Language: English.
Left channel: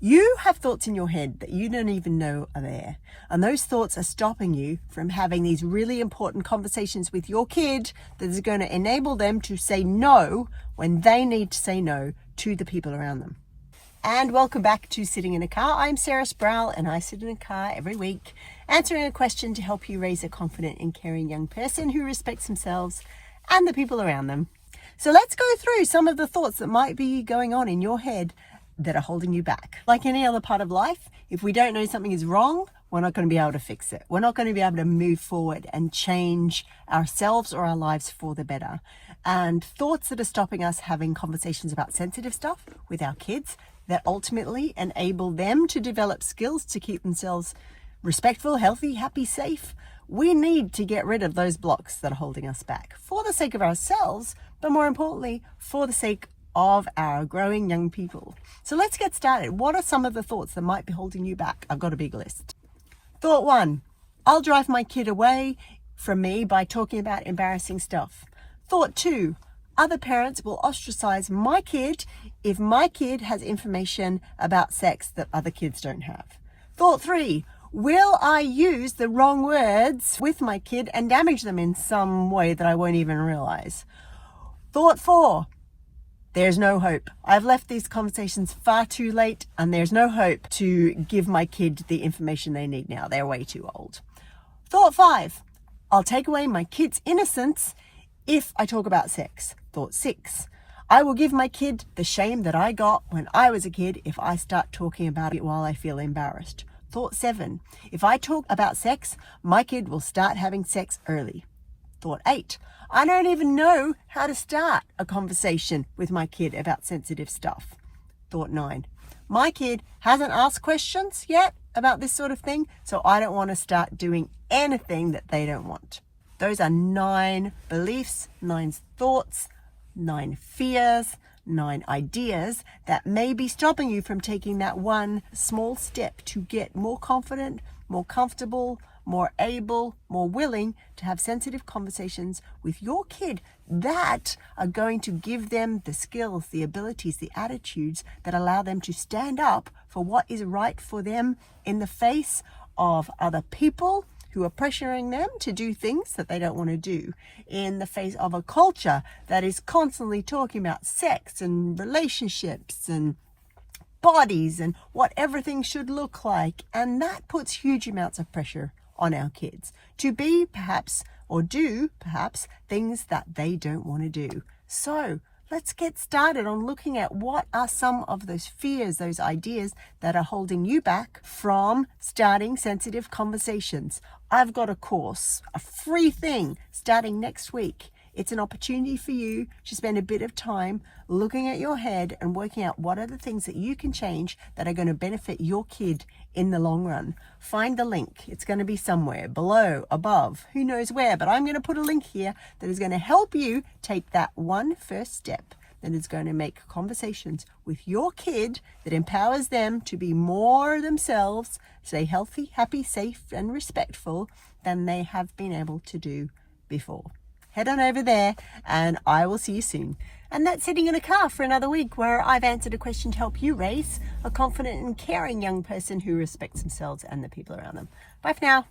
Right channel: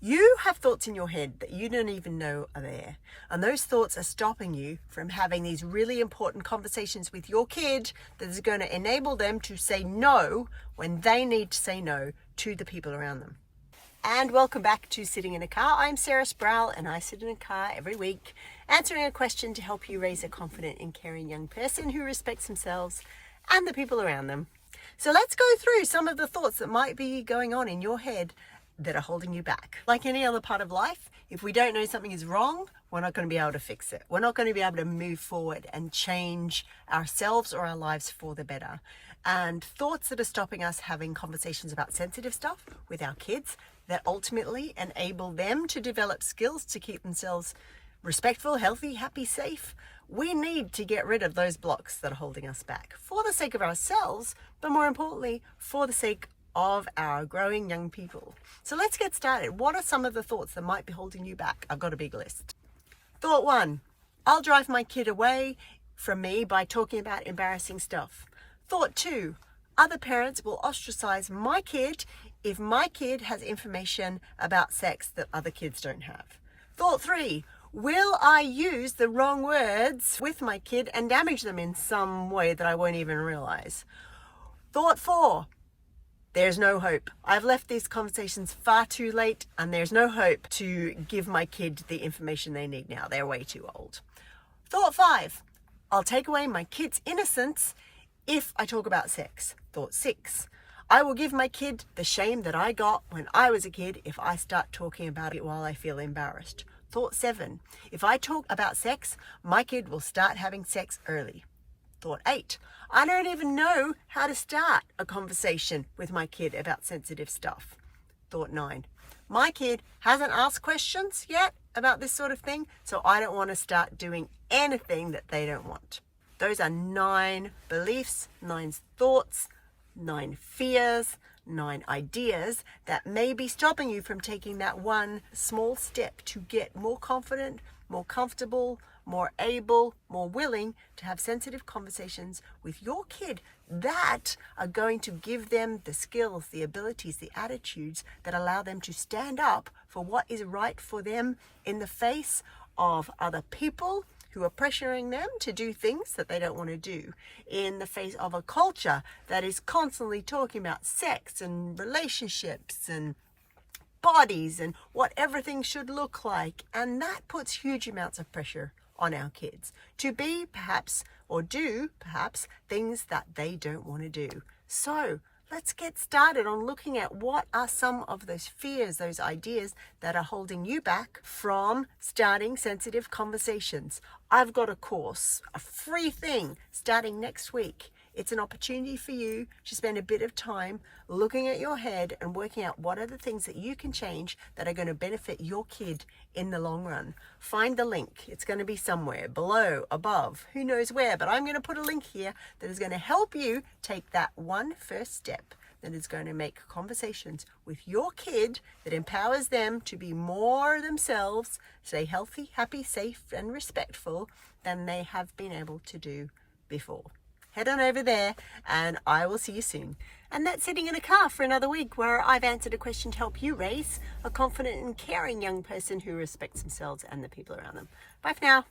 You have thoughts in your head that you don't even know are there. And those thoughts are stopping you from having these really important conversations with your kid that is going to enable them to say no when they need to say no to the people around them. And welcome back to Sitting in a Car. I'm Sarah Sproul, and I sit in a car every week answering a question to help you raise a confident and caring young person who respects themselves and the people around them. So let's go through some of the thoughts that might be going on in your head that are holding you back. Like any other part of life, if we don't know something is wrong, we're not going to be able to fix it. We're not going to be able to move forward and change ourselves or our lives for the better. And thoughts that are stopping us having conversations about sensitive stuff with our kids that ultimately enable them to develop skills to keep themselves respectful, healthy, happy, safe. We need to get rid of those blocks that are holding us back for the sake of ourselves, but more importantly, for the sake of our growing young people. So let's get started. What are some of the thoughts that might be holding you back? I've got a big list. Thought 1, I'll drive my kid away from me by talking about embarrassing stuff. Thought 2, other parents will ostracize my kid if my kid has information about sex that other kids don't have. Thought 3, will I use the wrong words with my kid and damage them in some way that I won't even realize? Thought 4, there's no hope. I've left these conversations far too late, and there's no hope to give my kid the information they need now. They're way too old. Thought 5, I'll take away my kid's innocence if I talk about sex. Thought 6, I will give my kid the shame that I got when I was a kid if I start talking about it while I feel embarrassed. Thought 7, if I talk about sex, my kid will start having sex early. Thought 8, I don't even know how to start a conversation with my kid about sensitive stuff. Thought 9, my kid hasn't asked questions yet about this sort of thing, so I don't want to start doing anything that they don't want. Those are 9 beliefs, 9 thoughts, 9 fears, 9 ideas that may be stopping you from taking that one small step to get more confident, more comfortable, more able, more willing to have sensitive conversations with your kid that are going to give them the skills, the abilities, the attitudes that allow them to stand up for what is right for them in the face of other people who are pressuring them to do things that they don't want to do, in the face of a culture that is constantly talking about sex and relationships and bodies and what everything should look like. And that puts huge amounts of pressure on our kids to be perhaps or do perhaps things that they don't want to do. So let's get started on looking at what are some of those fears, those ideas that are holding you back from starting sensitive conversations. I've got a course, a free thing starting next week. It's an opportunity for you to spend a bit of time looking at your head and working out what are the things that you can change that are going to benefit your kid in the long run. Find the link. It's going to be somewhere below, above, who knows where, but I'm going to put a link here that is going to help you take that one first step that is going to make conversations with your kid that empowers them to be more themselves, stay healthy, happy, safe, and respectful than they have been able to do before. Head on over there and I will see you soon. And that's Sitting in a Car for another week, where I've answered a question to help you raise a confident and caring young person who respects themselves and the people around them. Bye for now.